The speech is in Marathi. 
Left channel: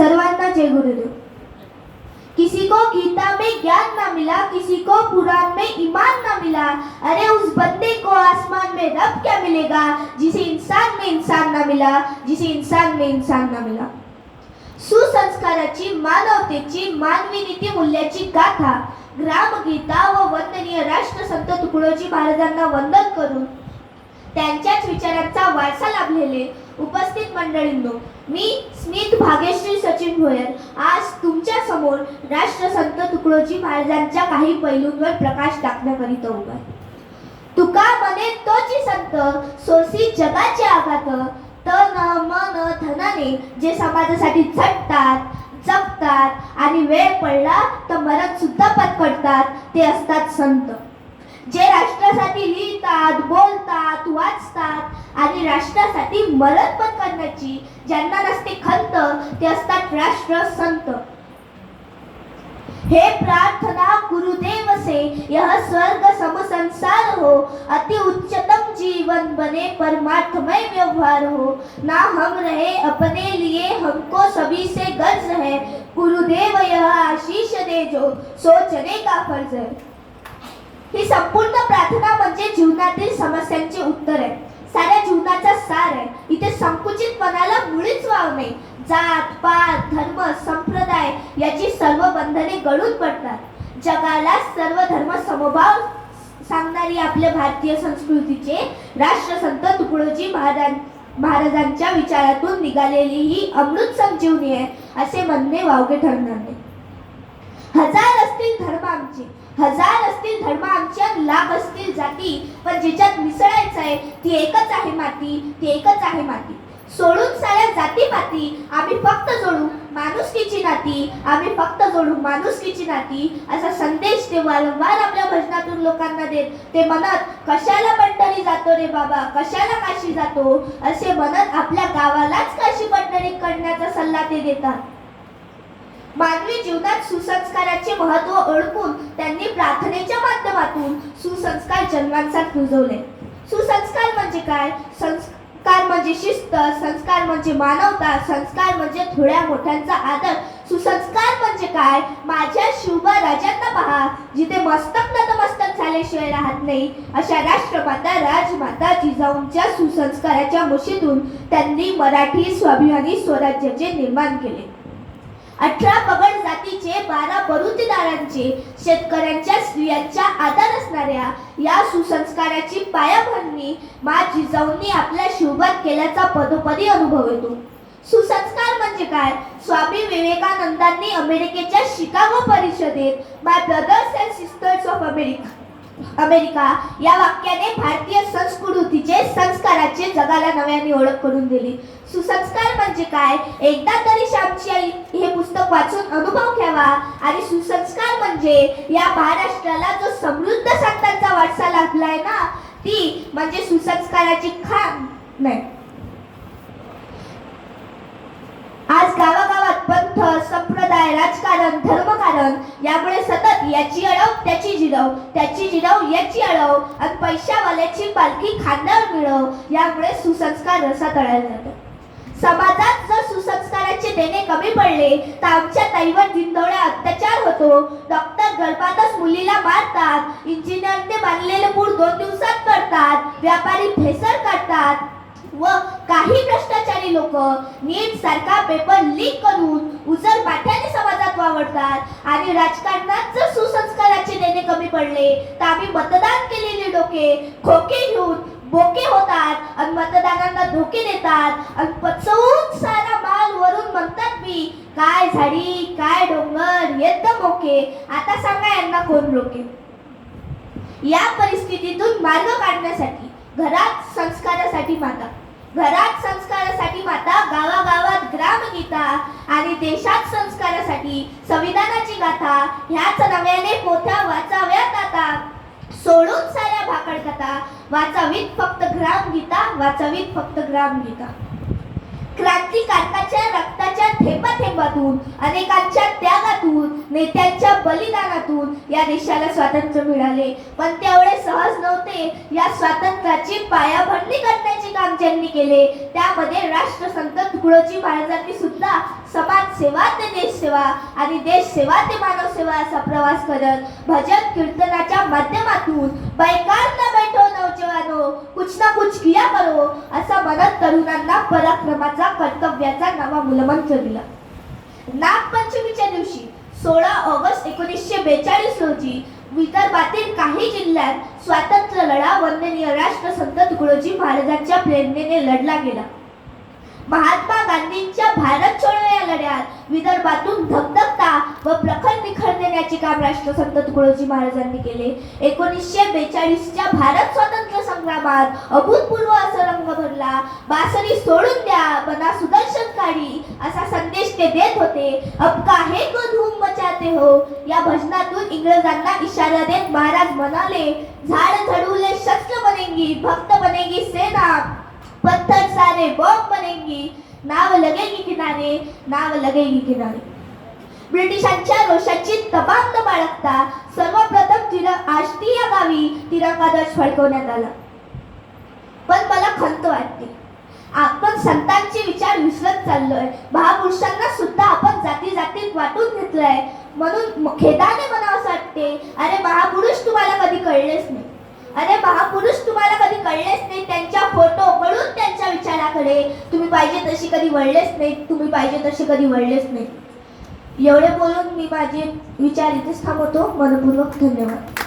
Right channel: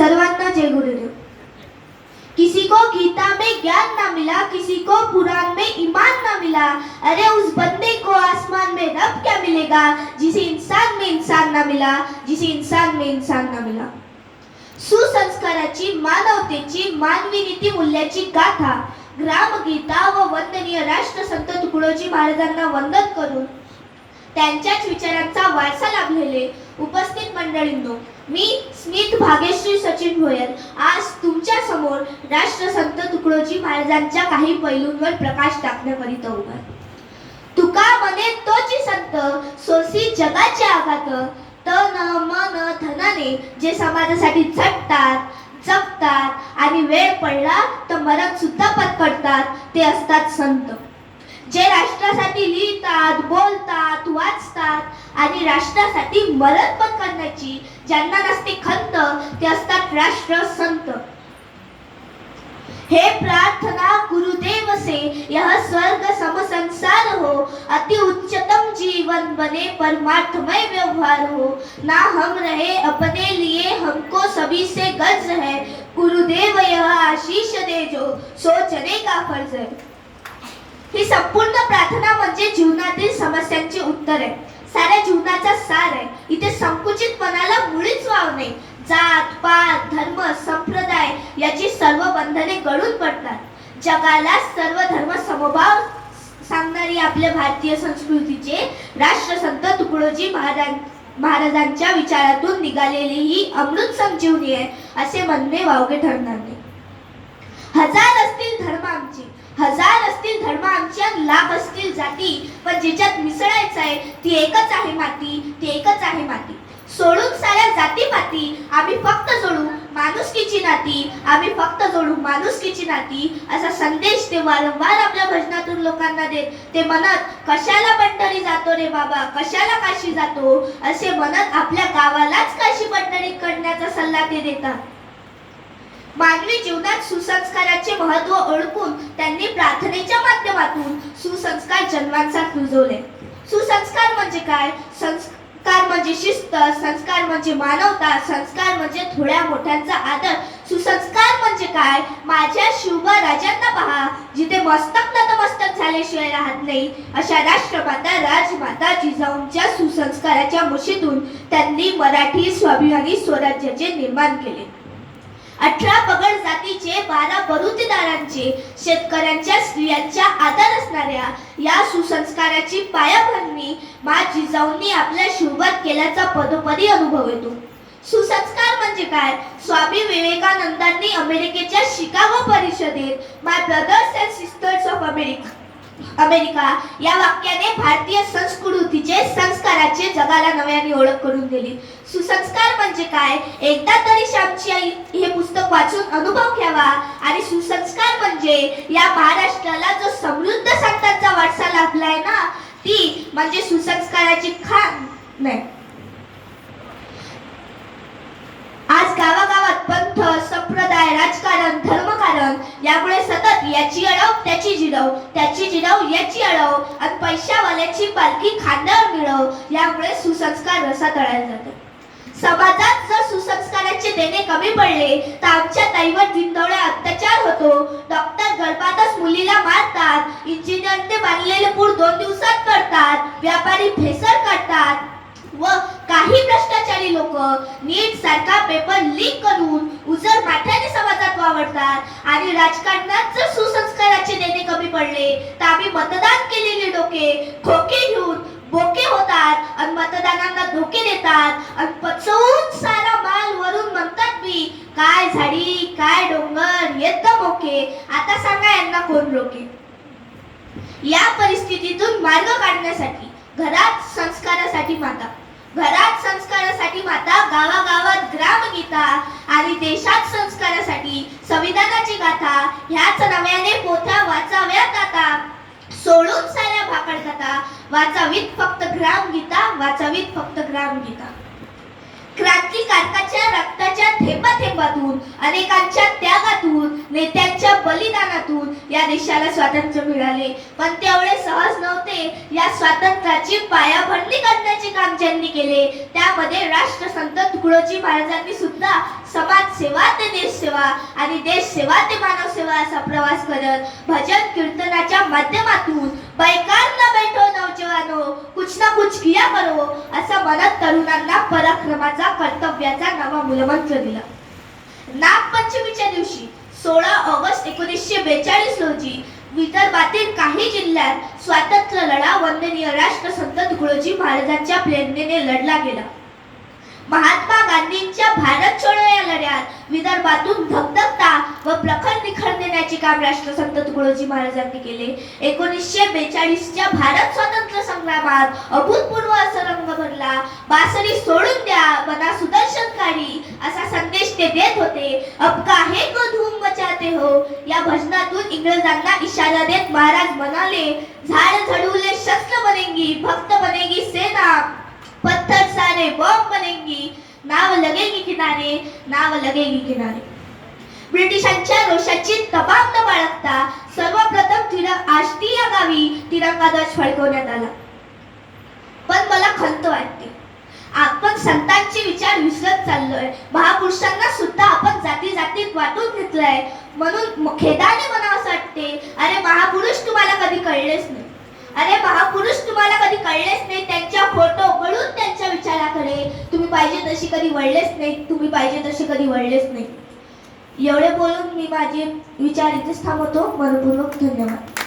सर्वांना जय गुरुदेव। किसी को गीता में ज्ञान ना मिला, किसी को कुरान में ईमान ना मिला, अरे उस बंदे को आसमान में रब क्या मिलेगा, जिसे इंसान में इंसान ना मिला, जिसे इंसान में इंसान ना मिला। सुसंस्काराची, मानवतेची, मानवी नीती मूल्याची गाथा ग्रामगीता व वंदनीय राष्ट्रसंत तुकडोजी महाराजांना वंदन करून त्यांच्याच विचारांचा वारसा लाभलेले उपस्थित मंडळींनो, मी स्मित भाग्यश्री सचिन भोयर आज तुमच्या समोर राष्ट्रसंत तुकडोजी महाराजांच्या काही पैलूंवर प्रकाश टाकण्याकरिता उभा आहे। तुका मने तोची संत सोसी जगाचे आघात, तन मन धनाने जे समाजासाठी झटतात, जगतात आणि वेळ पडला तर मरण सुद्धा पत्करतात ते असतात संत। जे राष्ट्रासाठी लिहितात, बोलतात, वाचतात आणि राष्ट्रासाठी मरण पत्करण्याची ज्यांना नसते खंत ते असतात राष्ट्रसंत। हे प्रार्थना गुरुदेव से यह स्वर्ग सम संसार हो, अति उच्चतम जीवन बने परमार्थमय व्यवहार हो, ना हम रहे अपने लिए हमको सभी से गर्ज है, गुरुदेव यह आशीष दे जो सोचने का फर्ज है। ही संपूर्ण प्रार्थना म्हणजे जीवनातील समस्यांचे उत्तर आहे, साऱ्या जीवनाचा सार आहे। इथे संकुचितपणाला मुळीच वाव नाही। जात पात धर्म संप्रदाय याची सर्व बंधने गळून पडतात। जगाला सर्व धर्म समभाव सांगणारी आपल्या भारतीय संस्कृतीचे राष्ट्रसंत तुकडोजी महाराजांच्या विचारातून निघालेली ही अमृत संजीवनी आहे असे म्हणणे वावगे ठरणार नाही। हजार असतील धर्म आमचे, हजार असतील धर्म आमच्या, लाख असतील जाती, पण ज्याच्यात मिसळायचं आहे ती एकच आहे माती, ती एकच आहे माती। सोडून साऱ्या जातीपाती आम्ही फक्त जोडू माणुसकीची नाती, आम्ही फक्त जोडू माणुसकीची नाती असा संदेश ते वारंवार आपल्या भजनातून लोकांना देत। ते म्हणत कशाला पंढरी जातो रे बाबा, कशाला काशी जातो असे म्हणत आपल्या गावालाच काशी पंढरी करण्याचा सल्ला ते देतात। मानवी जीवनात सुसंस्काराचे महत्त्व ओळखून त्यांनी प्रार्थनेच्या माध्यमातून सुसंस्कार जन्मांसाठी रुजवले। सुसंस्कार म्हणजे काय? संस्कार म्हणजे शिस्त, संस्कार म्हणजे मानवता, संस्कार म्हणजे थोड्या मोठ्यांचा आदर। सुसंस्कार म्हणजे काय? माझ्या शिवबा राजांना पहा, जिथे मस्तक नतमस्तक झाल्याशिवाय राहत नाही अशा राष्ट्रमाता राजमाता जिजाऊंच्या सुसंस्काराच्या मुशीतून त्यांनी मराठी स्वाभिमानी स्वराज्याचे निर्माण केले। 18 पगड जातीचे, 12 बरुतेदारांचे, शेतकऱ्यांच्या स्त्रियांच्या आधार असणाऱ्या या सुसंस्काराची पायाभरणी मा जिजाऊंनी आपल्या शिवबात केल्याचा पदोपदी अनुभव येतो। सुसंस्कार म्हणजे काय? स्वामी विवेकानंदांनी अमेरिकेच्या शिकागो परिषदेत my brothers and sisters of America या वाक्याने भारतीय संस्कृतीचे, संस्काराचे जगाला नव्याने ओळख करून दिली। सुसंस्कार म्हणजे काय? एकदा तरी श्यामची आई हे पुस्तक वाचून अनुभव घ्यावा। आणि सुसंस्कार म्हणजे या महाराष्ट्राला जो समृद्ध संतांचा वारसा लाभलाय ना, ती म्हणजे सुसंस्काराची खाण नाही। आज गावागावात पंथ, संप्रदाय, राजकारण, धर्मकारण यामुळे सतत याची अडव त्याची जिरव, त्याची जिरव याची अडव आणि पैशावाल्याची पालखी खांद्यावर मिळव यामुळे सुसंस्कार रसातळायला जातात। समाजात जर सुसंस्काराचे देणे कमी पडले तर आमच्या ताईवर दिनदोळ्या अत्याचार होतो। डॉक्टर गळफातच मुलीला मारतात, इंजिनियरने बांधलेले पूल 2 दिवसात करतात, व्यापारी भेसळ काढतात व काही भ्रष्टाचारी लोक नीट सारखा पेपर लीक करून उजळ माथ्याने समाजात वावरतात। आणि राजकारणात जर सुसंस्काराचे देणे कमी पडले तर आम्ही मतदान केलेले डोके खोके घेऊन बोके होतात आणि मतदानांना धोके देतात आणि पचवून सारा माल वरून म्हणतात मी काय झाडी काय डोंगर येत मोके, आता सांगा यांना कोण रोके। या परिस्थितीतून मार्ग काढण्यासाठी घरात संस्कारासाठी माता, घरात संस्कारासाठी माता, गावागावात ग्रामगीता आणि देशात संस्कारासाठी संविधानाची गाथा ह्याच नव्याने पोथ्या वाचाव्यात आता। सोडून साऱ्या भाकड कथा वाचावीत फक्त ग्रामगीता, वाचावीत फक्त ग्रामगीता। क्रांतिकारकाच्या रक्ताच्या थेंबाथेंबातून, अनेकांच्या त्यागातून, नेत्यांच्या बलिदानातून या देशाला स्वातंत्र्य मिळाले, पण तेवढे सहज नव्हते। या स्वातंत्र्याची पायाभरणी काढण्याचे काम ज्यांनी केले त्यामध्ये राष्ट्रसंत तुकडोजी महाराजांनी सुद्धा समाजसेवा ते देशसेवा आणि देशसेवा ते मानवसेवा असा प्रवास करत भजन कीर्तनाच्या माध्यमातून बैकार ना बैठो नौजवानो कुछ ना कुछ किया करो असा म्हणत तरुणांना पराक्रमाचा कर्तव्याचा नवा मूलमंत्र दिला. नागपंचमीच्या दिवशी 16 ऑगस्ट 1942 रोजी विदर्भातील काही जिल्ह्यात स्वातंत्र्य लढा वंदनीय राष्ट्रसंत तुकडोजी महाराजांच्या प्रेरणेने लढला गेला. महात्मा गांधींच्या भारत छोडो या लढ्यात विदर्भातून धगधगता व प्रखर निखळ देण्याचे काम राष्ट्रसंत तुकडोजी महाराजांनी केले. 1942च्या भारत स्वातंत्र्य संग्रामात अभूतपूर्व असा रंग भरला. बासरी सोडून द्या बना सुदर्शनकारी असा संदेश ते देत होते. अब काहे को धूम मचाते हो या भजनातून इंग्रजांना इशारा देत महाराज म्हणाले, झाड झडवले शस्त्र बनेंगी, भक्त बनेगी सेना, पत्थर सारे बॉम्ब बनेंगी, नाव लगेगी किनारे, नाव लगेगी किनारे. ब्रिटिशांच्या रोषाची तबाब न बाळगता सर्वप्रथम आष्टी या गावी तिरंगा ध्वज फडकवण्यात आला. पण मला खंत वाटते, आपण संतांचे विचार विसरत चाललोय. महापुरुषांना सुद्धा आपण जाती जातीत वाटून घेतलंय. म्हणून खेदाने म्हणावंसं वाटते, अरे महापुरुष तुम्हाला कधी कळलेच नाही. अरे महापुरुष तुम्हाला कधी कळलेच नाही. त्यांच्या फोटो उघडून त्यांच्या विचाराकडे तुम्ही पाहिजे तशी कधी वळलेच नाही. तुम्ही पाहिजे तशी कधी वळलेच नाही. एवढे बोलून मी माझे विचार इथेच थांबवतो. मनपूर्वक धन्यवाद.